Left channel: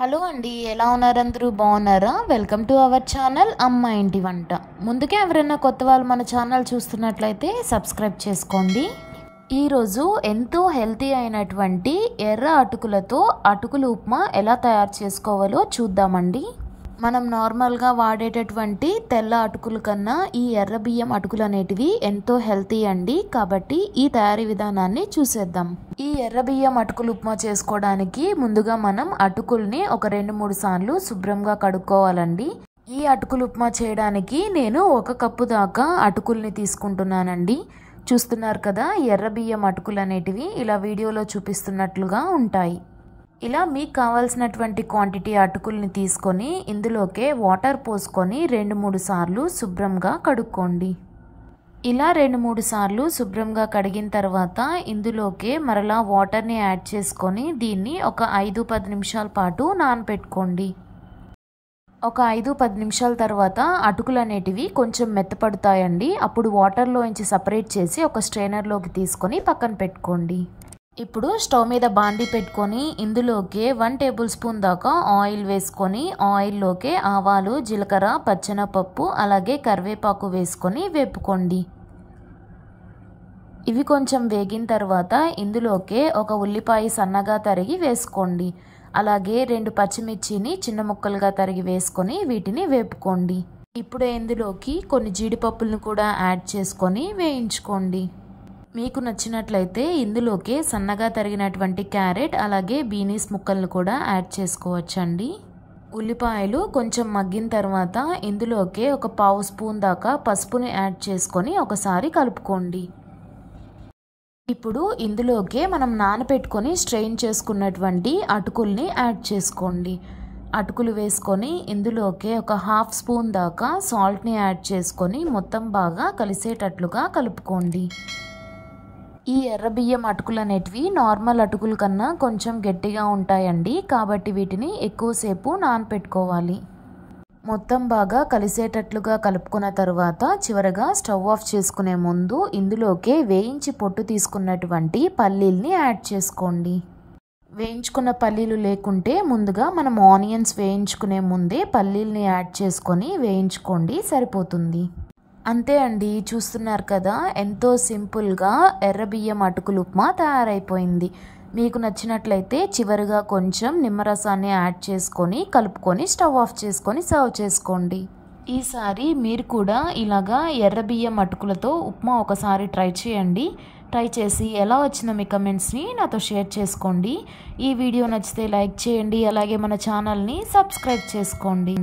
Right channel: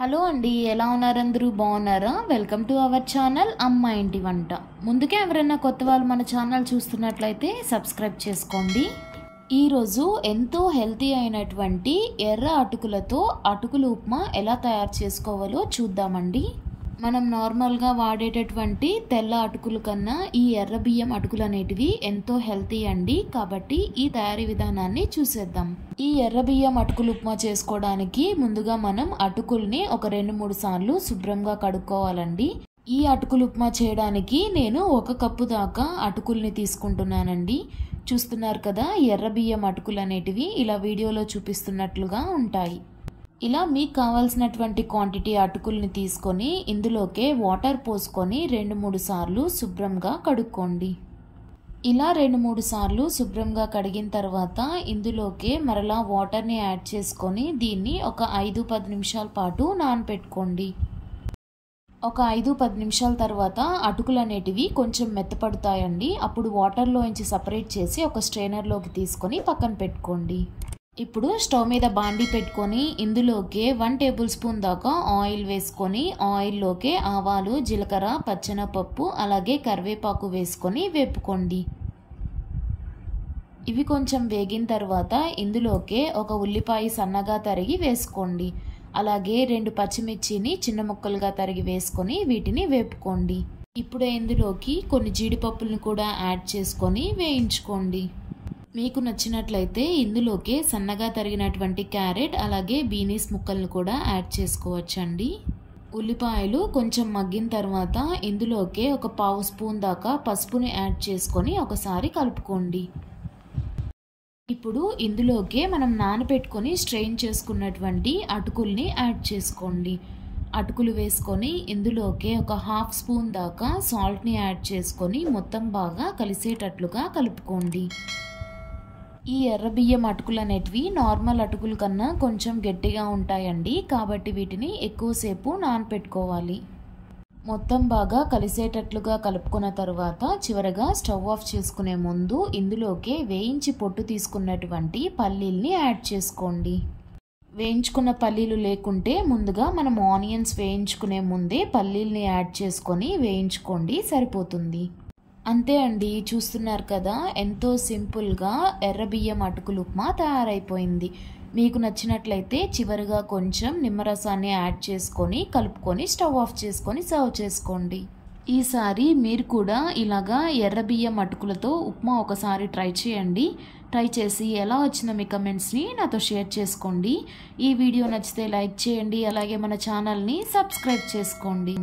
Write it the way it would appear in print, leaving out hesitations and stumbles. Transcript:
Hello అండి, ఎలా ఉన్నారు? అందరూ బాగున్నారా? వెల్కమ్ టు అవర్ ఛానల్ అమ్మ ఇంటి వంట. ముందుకే ఎవరైనా కొత్త వాళ్ళు మన ఛానల్ చూస్తున్నట్లయితే సబ్స్క్రైబ్ చేసుకోండి. ఈరోజు ఎంతో హెల్తీ అయినటువంటి ఎర్ర అటుకులతో అటుకులు ఉప్మా ఎలా తయారు చేసుకోవాలో చూద్దామండి. మనం నార్మల్గా వాడేటటువంటి తెల్ల అటుకుల కన్నా ఈ ఎర్ర బియ్యం అటుకులు అనేటివి ఎంతో హెల్తీ అండి. కాబట్టి ఈ తయారీ విధానాన్ని చూసేద్దాం. ఈ ఎర్ర బియ్యం అటుకులు ఉప్మా చేసుకోవడానికి ముందుగా మనం అటుకుల్ని ఒక 2-3 సార్లు శుభ్రంగా కడుక్కోవాలండి. ఈ అటుకులు ఉప్మా చేయడానికి నేను 1 కప్పు దాకా అటుకుల్ని తీసుకుంటున్నానండి. చూస్తున్నారు కదా, ఎర్ర బియ్యం అటుకులు అనేటివి ఇలా వీడియోలో చూపిస్తున్నట్లుగా ఉంటాయి. ఇలా మీకు కావాల్సినటువంటి క్వాంటిటీ అటుకుల్ని తీసుకొని ఇందులోకే వాటర్ పోసుకొని 2-3 సార్లు శుభ్రంగా కడుక్కోండి. ఇలా 2-3 సార్లు శుభ్రంగా కడిగిన తర్వాత ఇందులోకే మరలా వాటర్ని యాడ్ చేసుకొని దీన్ని ఒక 5-10 నిమిషాల పాటు నానబెట్టుకోండి. ఒక 5-10 నిమిషాల తర్వాత అటుకులు అనేటివి కొంచెం మెత్తపడతాయండి. అప్పుడు వాటర్లోంచి సపరేట్ చేసి ఒక స్ట్రైనర్లోకి తీసుకొని పక్కన పెట్టుకోండి. ఇప్పుడు స్టవ్ మీద బాండీ పెట్టుకొని ఇందులోకి 1 టేబుల్ స్పూన్ దాకా ఆయిల్ వేసుకొని ఆయిల్లోకి ఆవాలు, జీలకర్ర, పచ్చెనపప్పు అలాగే కరివేపాకు వేసుకొని వేపుకోండి. ఇవి కొంచెం వేగిన తర్వాత ఇందులోకి ఒక ఉల్లిపాయ సన్నగా తరిగి వేసుకోండి. అలాగే 2 పచ్చిమిర్చిని చిన్న ముక్కలుగా తరిగి వేసుకొని వీటిని వేపుకోండి. ఇప్పుడు ఇందులోకి కొన్ని జీడిపప్పులను కూడా యాడ్ చేసుకొని వేయించుకోండి. మీకు నచ్చినట్లయితే ఇందులోకి సన్నగా తరిగినటువంటి క్యారెట్ అలాగే బీనీస్ ముక్కలను కూడా యాడ్ చేసుకోవచ్చండి. ఉల్లిపాయలు కొంచెం మగ్గిన తర్వాత ఇందులోకి ఒక 1/2 స్పూన్ దాకా పసుపుని యాడ్ చేసుకొని ఒకసారి కలుపుకోండి. ఇప్పుడు ఇందులోకి మనం నానబెట్టుకొని స్ట్రెయిన్ చేసుకున్నటువంటి అటుకుల్ని యాడ్ చేసుకోండి. అటుకులు వేసుకొని ఇందులోకి ఒక 1/2 స్పూన్ దాకా సాల్ట్ని యాడ్ చేసుకొని మొత్తం బాగా కలిసేటట్లుగా కలుపుకోండి. ఈ ఎర్ర బియ్యం అటుకులు అనేటివి నార్మల్ అటుకుల కన్నా కొంచెం గట్టిగా ఉంటాయండి. కాబట్టి వీటిని ఎక్కువసేపు నానపెట్టుకోవాలి. మొత్తం బాగా కలిసేటట్లుగా కలుపుకున్న తర్వాత చివరగా స్టవ్ ఆఫ్ చేసుకునే ముందు ఇందులోకి వేయించి పొట్టు తీసుకున్నటువంటి పల్లీల్ని యాడ్ చేసుకోండి. వేయించుకున్న పల్లీలు లేకుంటే ముందుగా మనం ఆనియన్స్ వేయించుకునే ముందే పల్లీల్ని యాడ్ చేసుకొని వేయించుకోండి, సరిపోతుంది. అంతే అండి, చూస్తున్నారు కదా, ఎంతో సింపుల్గా ఎర్ర బియ్యం అటుకులు ఉప్మా తయారైపోయింది. మీకు నచ్చినట్లయితే చివరిగా కొంచెం నిమ్మరసాన్ని యాడ్ చేసుకొని కలుపుకొని స్టవ్ ఆఫ్ చేసుకొని సర్వ్ చేసుకోండి. ఈసారి మీరు కూడా ఇలాగా ఎర్ర బియ్యం అటుకులతో ఉప్మా ఒకసారి ట్రై చేయండి. ట్రై చేసి ఎలా వచ్చిందో మీ కమెంట్స్ని నాతో షేర్ చేసుకోండి. ఈ వీడియో నచ్చితే లైక్ చేయండి, అలాగే మన ఛానల్ని సబ్స్క్రైబ్ చేసుకోండి.